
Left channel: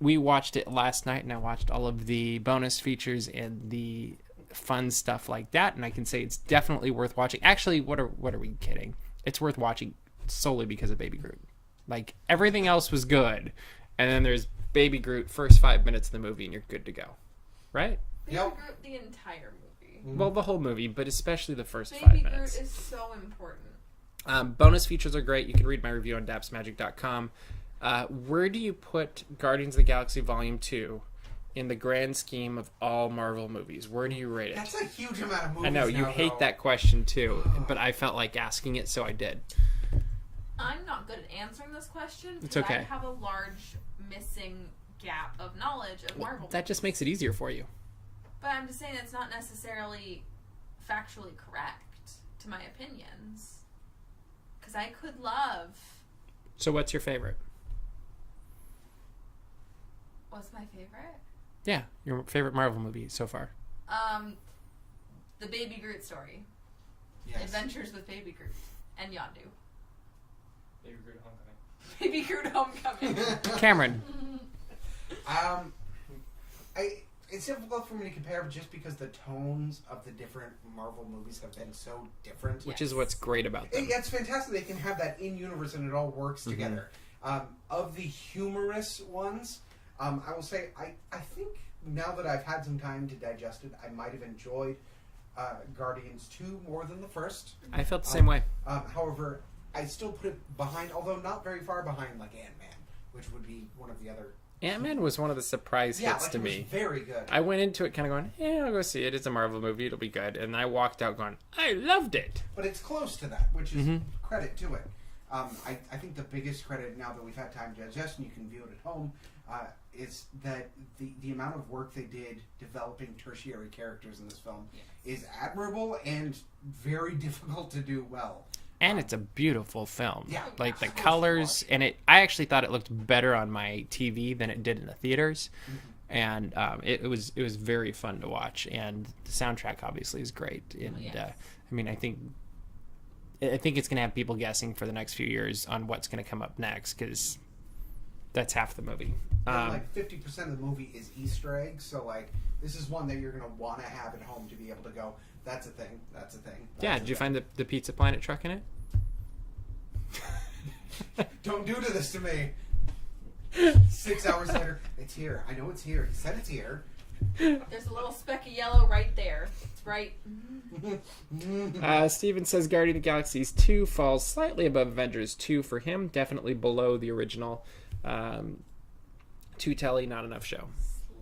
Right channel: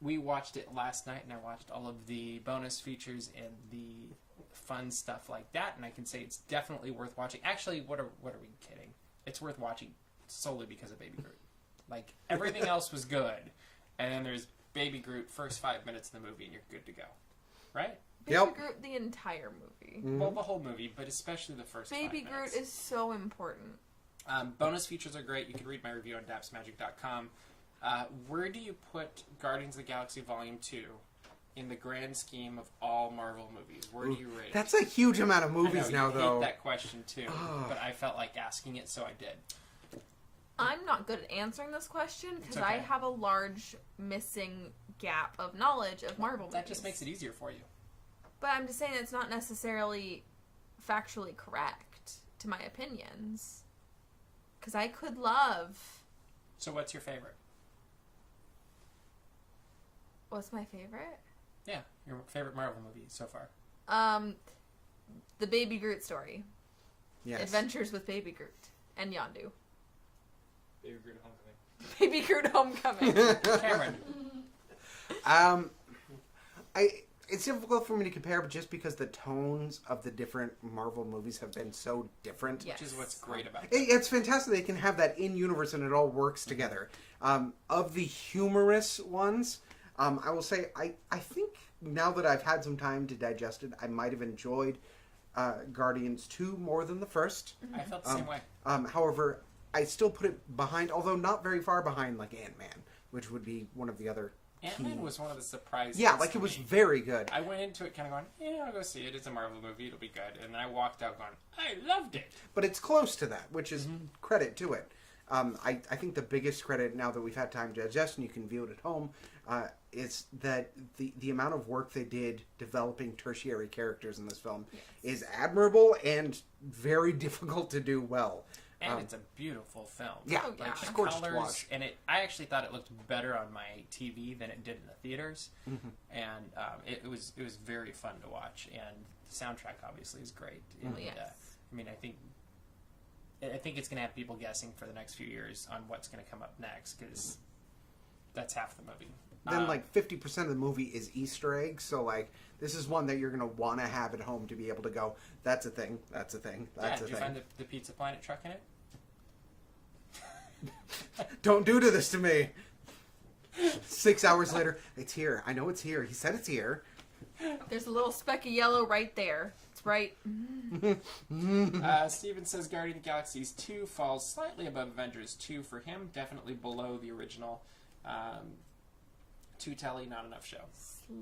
we watched it last night, and I watched all of the bonus features and the fun stuff like that. And I can say it's definitely worth watching. Actually, what are we kidding? It's worth watching solely because of Baby Groot. Like, everything else was good, and then there's Baby Groot first 5 minutes of the movie, and you're good to go, right? Baby Yep. Groot, the entire movie. Well, the whole movie, but especially the first 5 Baby minutes. Groot is so important. Bonus features are great. You can read my review on dapsmagic.com. Where do you put Guardians of the Galaxy Volume 2 in the grand scheme of all Marvel movies? Where do you rate it? That's a huge amount of movies I know, now, you hate though. that question too, but I felt like asking it, so I did. I'm not good at answering this question It's because okay. I have a large missing gap of knowledge of Marvel. That just makes it easier for you. But I'm just saying it's not necessarily factually correct to my opinions. Because I could love... So what's your favorite? What's my favorite? Yeah, your favorite Marvel movie so far. The Baby Groot story. Yes. Adventures with Baby Groot and Yondu. Baby Groot Homecoming. Baby Groot Homecoming. Cameron. It's difficult for me to compare, but just because the tones of the different Marvel movies have been so different. Which is what's great about them. It's fantastic they can have that in universe and it all works together. Of the humorous ones, I will say I think now that I've had some time to digest it, I might have enjoyed Guardians 2 more than the first. I felt the same way. However, I still put it behind, although not very far behind, like Ant-Man, which would be one of the other. Ant-Man was one of the surprise Yeah, hits like to it was me. very good. I went into it kind of going, I'll go see it. It's a Marvel movie. It'll be good. And I walked out going, I loved it. But it's close to that, which is credit to it. I think the biggest credit, now that we've had time to digest and you can view it at home, is that the amount of work they did developing tertiary characters in this film is admirable and very difficult to do well. And it's a beautiful film. Yeah. Like the Of course, colors, and I actually thought it looked better on my TV than it did in the theaters. And it was very fun to watch, and the soundtrack obviously is great. And I mean, I think it's going to have people guessing for the next few years on what's going to come up next, because that's half the movie. And like 50% of the movie is Easter eggs, so like this is one that you're going to want to have at home to be able to go, that's a thing, that's a thing. That's Did you find the Pizza Planet truck in it? Don't do this to me. 6 hours later, it's here. I know it's here. He said it's here. There's a little speck of yellow right there. It's right. Steven says Guardian of the Galaxy 2 falls slightly above Avengers 2 for him. Definitely below the original. Too telly, not enough show.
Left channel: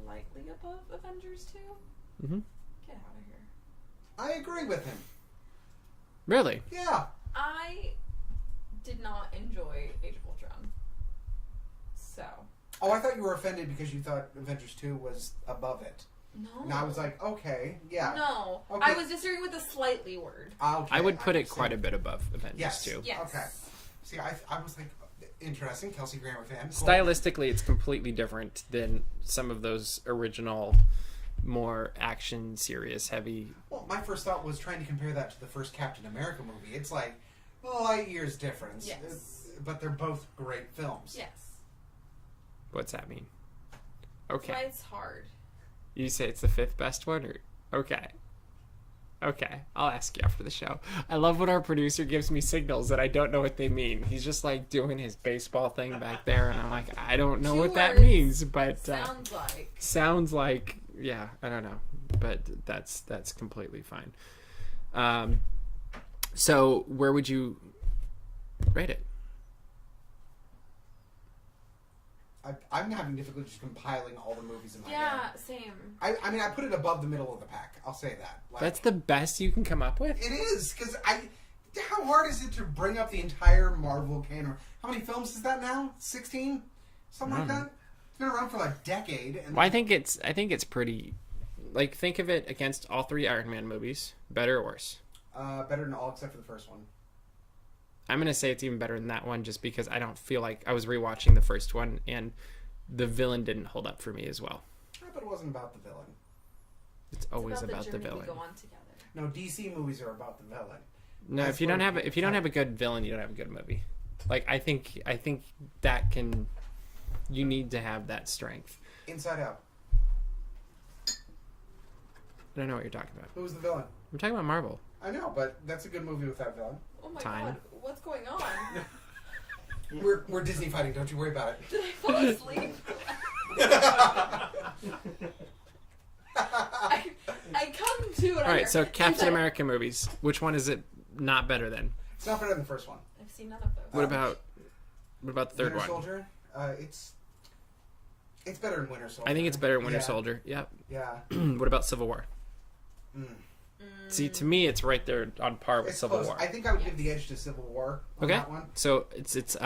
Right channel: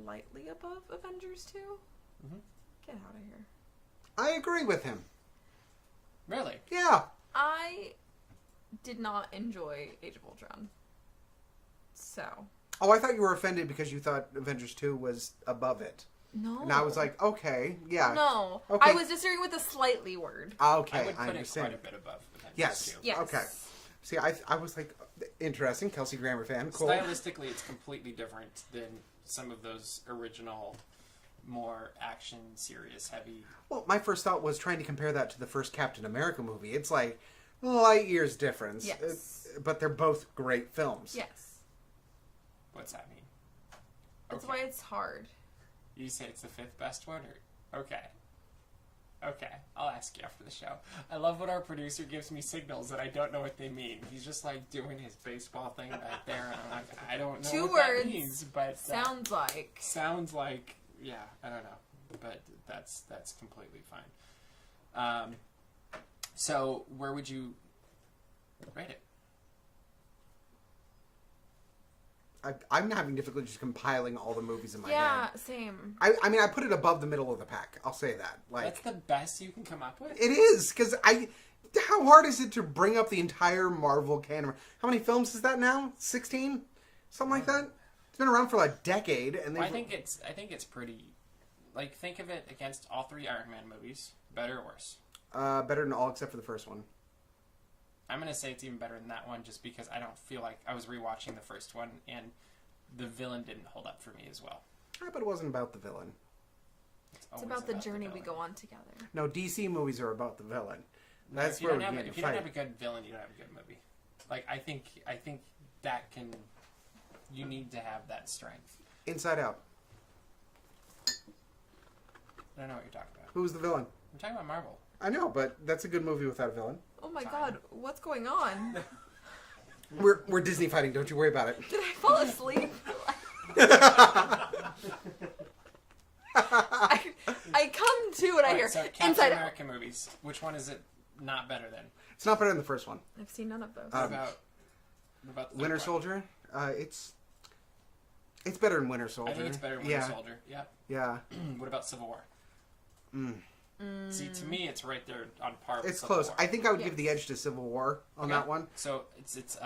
Slightly above Avengers 2? Mm-hmm. Get out of here. I agree with him. Really? Yeah. I did not enjoy Age of Ultron. So. Oh, I thought you were offended because you thought Avengers 2 was above it. No. And I was like, okay, yeah. No. Okay. I was disagreeing with the slightly word. Okay. I would put it understand. quite a bit above Avengers Yes. 2. Yes. Okay. See, I was like, interesting. Kelsey Grammer fan. Cool. Stylistically, it's completely different than some of those original, more action, serious, heavy. Well, my first thought was trying to compare that to the first Captain America movie. It's like light years difference. Yes. But they're both great films. Yes. What's that mean? That's Okay. why it's hard. You say it's the 5th best one? Okay. Okay. I'll ask you after the show. I love when our producer gives me signals that I don't know what they mean. He's just like doing his baseball thing back there, and I'm like, I don't know 2 what that words. means, but Sounds like. yeah, I don't know, but that's completely fine. So where would you rate it? I'm having difficulty just compiling all the movies in my Yeah, head. same. I mean, I put it above the middle of the pack. I'll say that. Like, That's the best you can come up with? it is, because how hard is it to bring up the entire Marvel canon? How many films is that now? 16? Something like that? been around for like a decade. And Well, I think it's pretty. Like, think of it against all 3 Iron Man movies. Better or worse? better than all except for the first one. I'm going to say it's even better than that one just because I don't feel like I was rewatching the first one and the villain didn't hold up for me as well. But it wasn't about the villain. It's always about the the journey villain. we go on together. No, DC movies are about the villain. No, That's if you where don't have we if you don't fight. have a good villain, you don't have a good movie. Like I think that can you need to have that strength. Inside Out. I don't know what you're talking about. Who's the villain? I'm talking about Marvel. I know, but that's a good movie without a villain. Oh my Time. god, what's going on? We're Disney fighting. Don't you worry about it. Did I fall asleep? I come to and All I hear. right, so Captain Inside- America movies. Which one is it not better than? It's not better than the first one. I've seen none of those. What about the third Winter one? Soldier. It's better than Winter Soldier. I think it's better than Winter Yeah. Soldier. Yep. Yeah. What about Civil War? Mm. See, to me, it's right there on par with It's Civil close. War. I think I would give the edge to Civil War on Okay. that one. So it's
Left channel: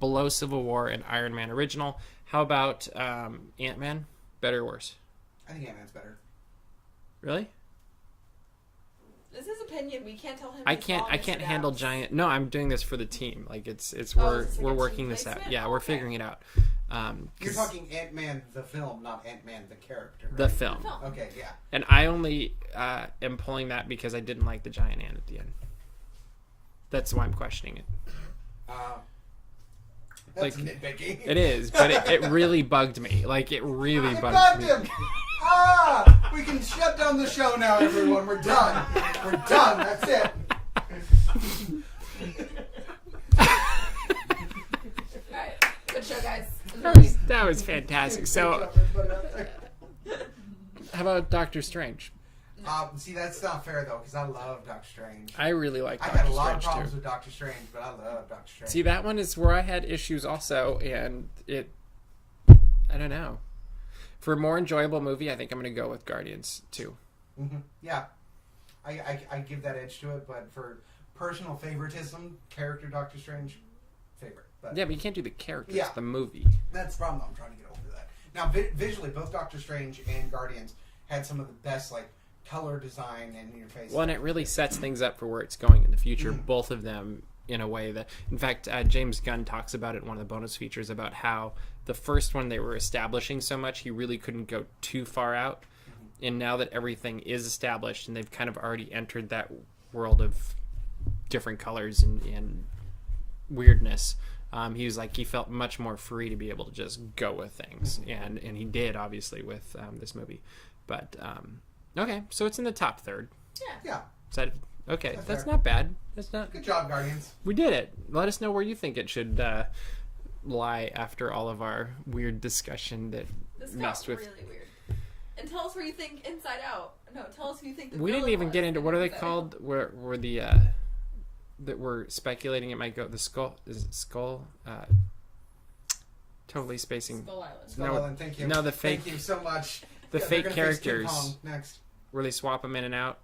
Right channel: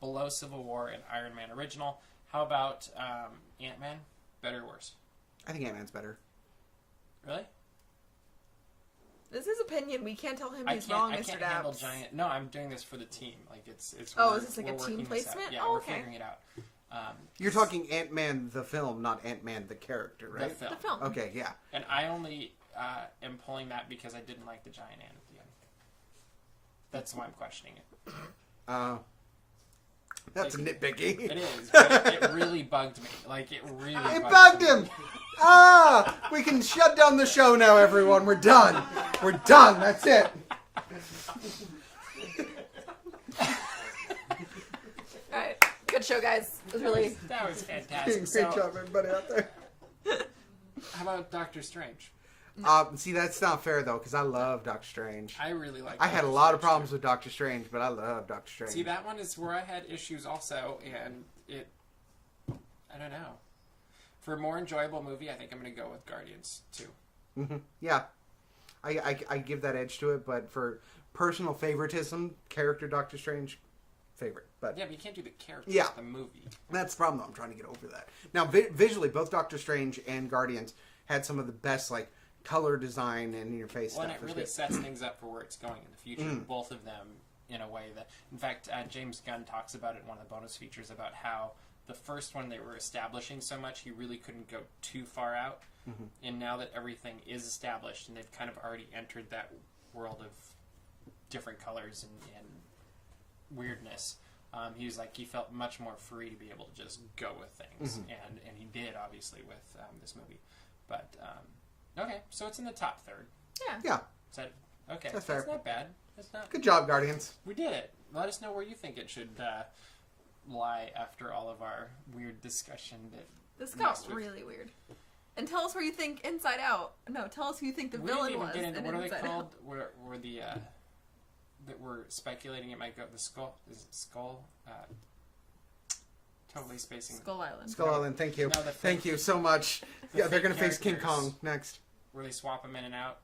below Civil War and Iron Man original. How about Ant-Man? Better or worse? I think Ant-Man's better. Really? This is his opinion. We can't tell him. I he's can't. wrong, I Mr. can't handle Daps. giant. No, I'm doing this for the team. Like it's Oh, we're is this like we're a working team this out. placement? Yeah, Oh, we're okay. figuring it out. You're 'Cause talking Ant-Man the film, not Ant-Man the character, right? the film. Film. Okay, yeah. And I only am pulling that because I didn't like the giant ant at the end. That's why I'm questioning it. That's Like, nitpicky. It is, but it really bugged me. Like it really I bugged bugged me. him. We can shut down the show now, everyone. We're done. We're done. That's it. Alright, good show, guys. It was really- That was fantastic. Great So, job, everybody out there. how about Doctor Strange? See, that's not fair though, because I love Doctor Strange. I really like. I had a lot of problems with Doctor Strange, but I love Doctor Strange. See, that one is where I had issues also, and I don't know. For a more enjoyable movie, I think I'm going to go with Guardians 2. Yeah, I give that edge to it, but for personal favoritism, character Doctor Strange, favorite. But Yeah, but you can't do the characters, Yeah. the movie. that's the problem though. I'm trying to get over that. Now, visually, both Doctor Strange and Guardians had some of the best color design and interface. Well, and stuff. it really sets things up for where it's going in the future, Mm. both of them in a way that... In fact, James Gunn talks about it in one of the bonus features about how the first one they were establishing so much, he really couldn't go too far out. Mm-hmm. And now that everything is established and they've kind of already entered that world of different colors and weirdness, he was like, he felt much more free to be able to just go with things. Mm-hmm. And he did, obviously, with this movie. But, okay, so it's in the top third. Yeah, Is that okay? That's That's fair. not bad. That's not. good job, Guardians. We did it. Let us know where you think it should lie after all of our weird discussion that This got messed with. really weird. And tell us where you think Inside Out. No, tell us who you think the We villain didn't even was get into in what are they Inside called? Where the that we're speculating it might go. The skull is it skull? Totally Out. spacing. Skull Island. Skull No, Island, thank you. no, the Thank fake- you so much. the they're fake gonna face King characters. Kong next. Where they swap them in and out.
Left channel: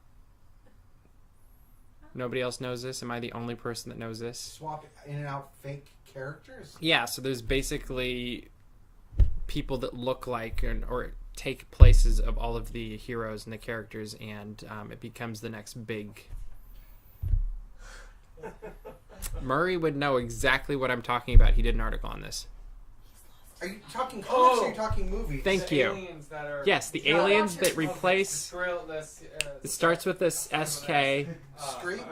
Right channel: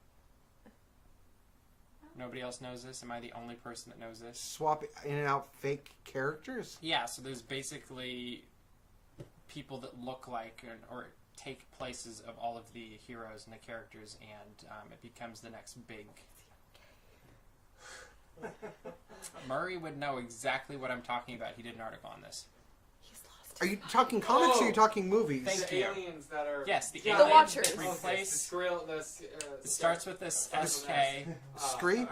Nobody else knows this. Am I the only person that knows this? Swap in and out fake characters. Yeah, so there's basically people that look like or take places of all of the heroes and the characters, and it becomes the next big. Murray would know exactly what I'm talking about. He did an article on this. He's lost. Are you talking comics or are you talking movies? Thank The you. aliens that are... Yes, the Yeah. aliens Watchers. that replace. It starts with this SK. Scream?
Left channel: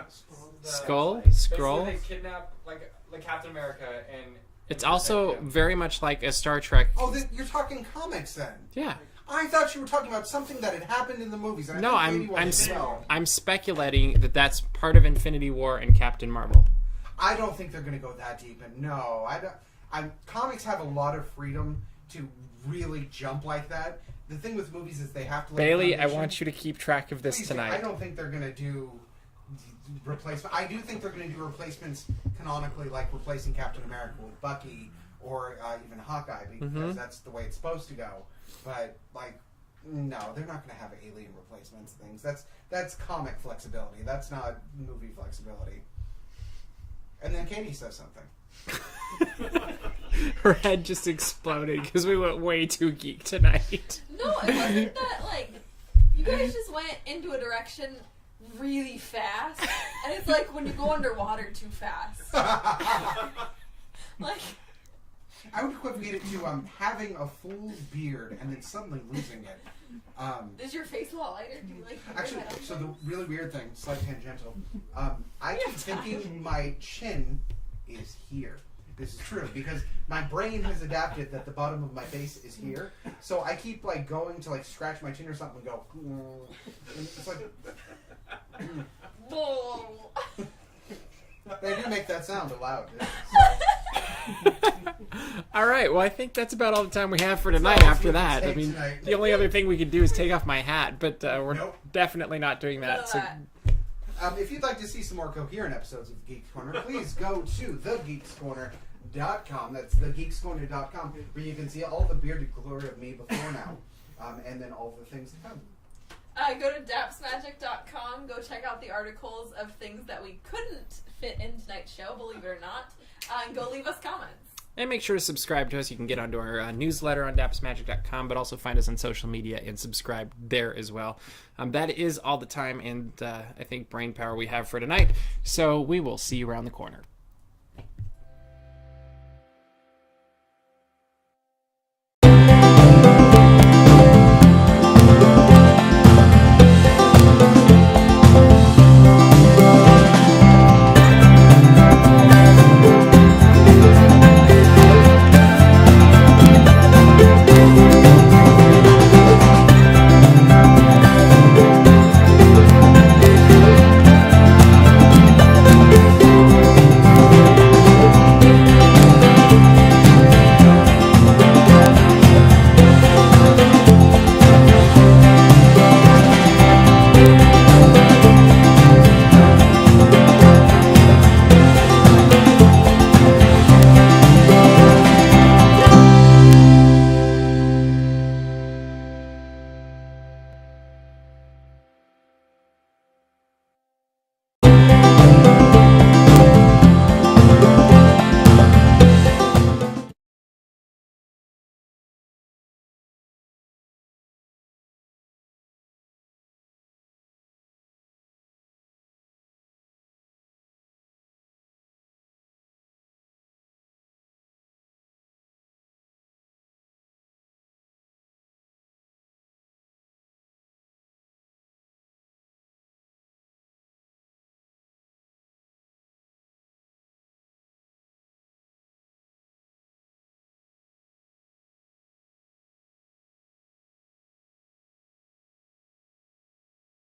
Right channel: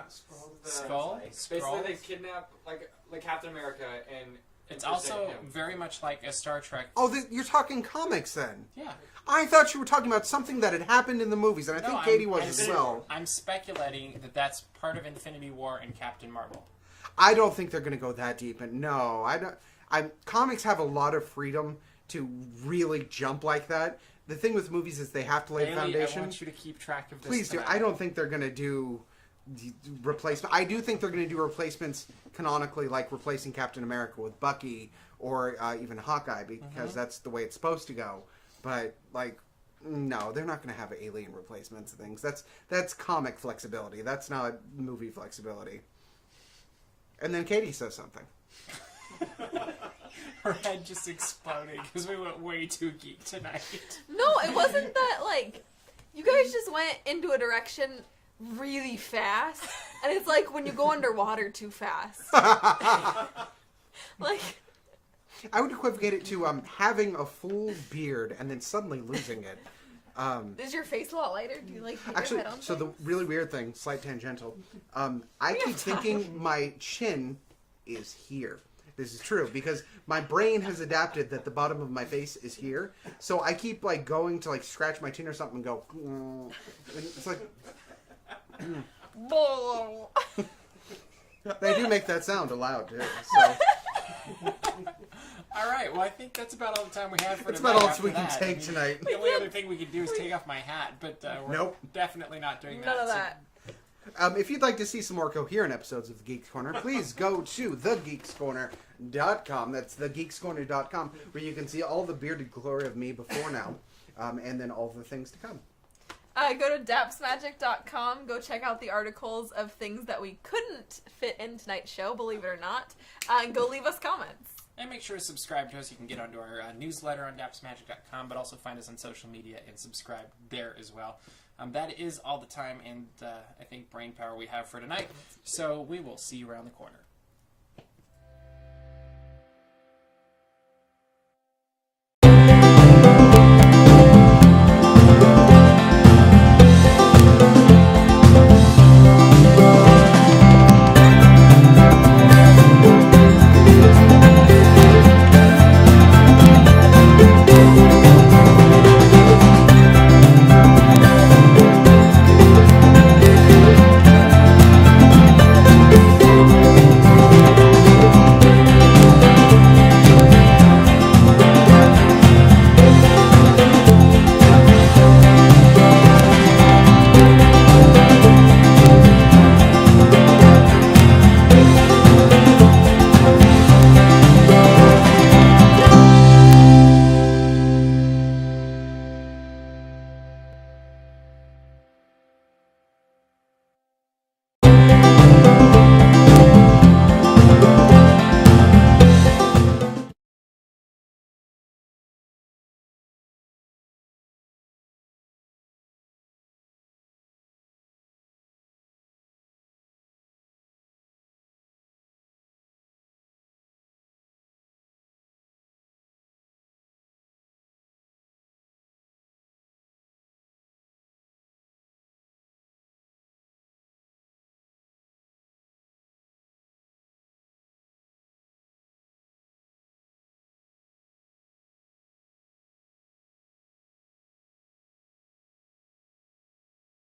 Skull? Scroll? Basically, they kidnap like Captain America and. It's and also forsake him. very much like a Star Trek. Oh, you're talking comics then. Yeah. I thought you were talking about something that had happened in the movies, and I No, think Katie was I'm as well. I'm speculating that that's part of Infinity War and Captain Marvel. I don't think they're going to go that deep. And no, I don't. Comics have a lot of freedom to really jump like that. The thing with movies is they have to lay Bailey, I foundation. want you to keep track of this Please do. tonight. I don't think they're going to do replacement. I do think they're going to do replacements canonically, like replacing Captain America with Bucky or even Hawkeye, because that's the way it's supposed to go. But no, they're not going to have alien replacements and things. That's comic flexibility. That's not movie flexibility. And then Katie says something. Her head just exploded because we went way too geek tonight. No, it wasn't that, like, you guys just went into a direction really fast. And it's like when you go underwater too fast. Like, I would equivocate it to having a full beard and then suddenly losing it. is your face a lot lighter? Do you, like, hit Actually, your head on so the things? really weird thing, slight tangential, I We keep have time. thinking my chin is here. This is true because my brain has adapted that the bottom of my face is here. So I keep like going to like scratch my chin or something and go. And it's like they do make that sound aloud. So. All right, well, I think that's about all the time we have for That's tonight all we after can that. take tonight. The only other thing we could do is take off my hat, but we're Nope. definitely not doing None that. of So that. If you'd like to see some more coherent episodes of the Geeks Corner, please go to thegeekscorner.com. That's thegeekscorner.com, where you can see all the bearded glory of me before now, and then all the things to come. Go to dapsmagic.com. Go check out the articles of things that we couldn't fit in tonight's show, believe it or not. And go leave us comments. And make sure to subscribe to us. You can get onto our newsletter on dapsmagic.com, but also find us on social media and subscribe there as well. That is all the time and I think brain power we have for tonight. So we will see you around the corner.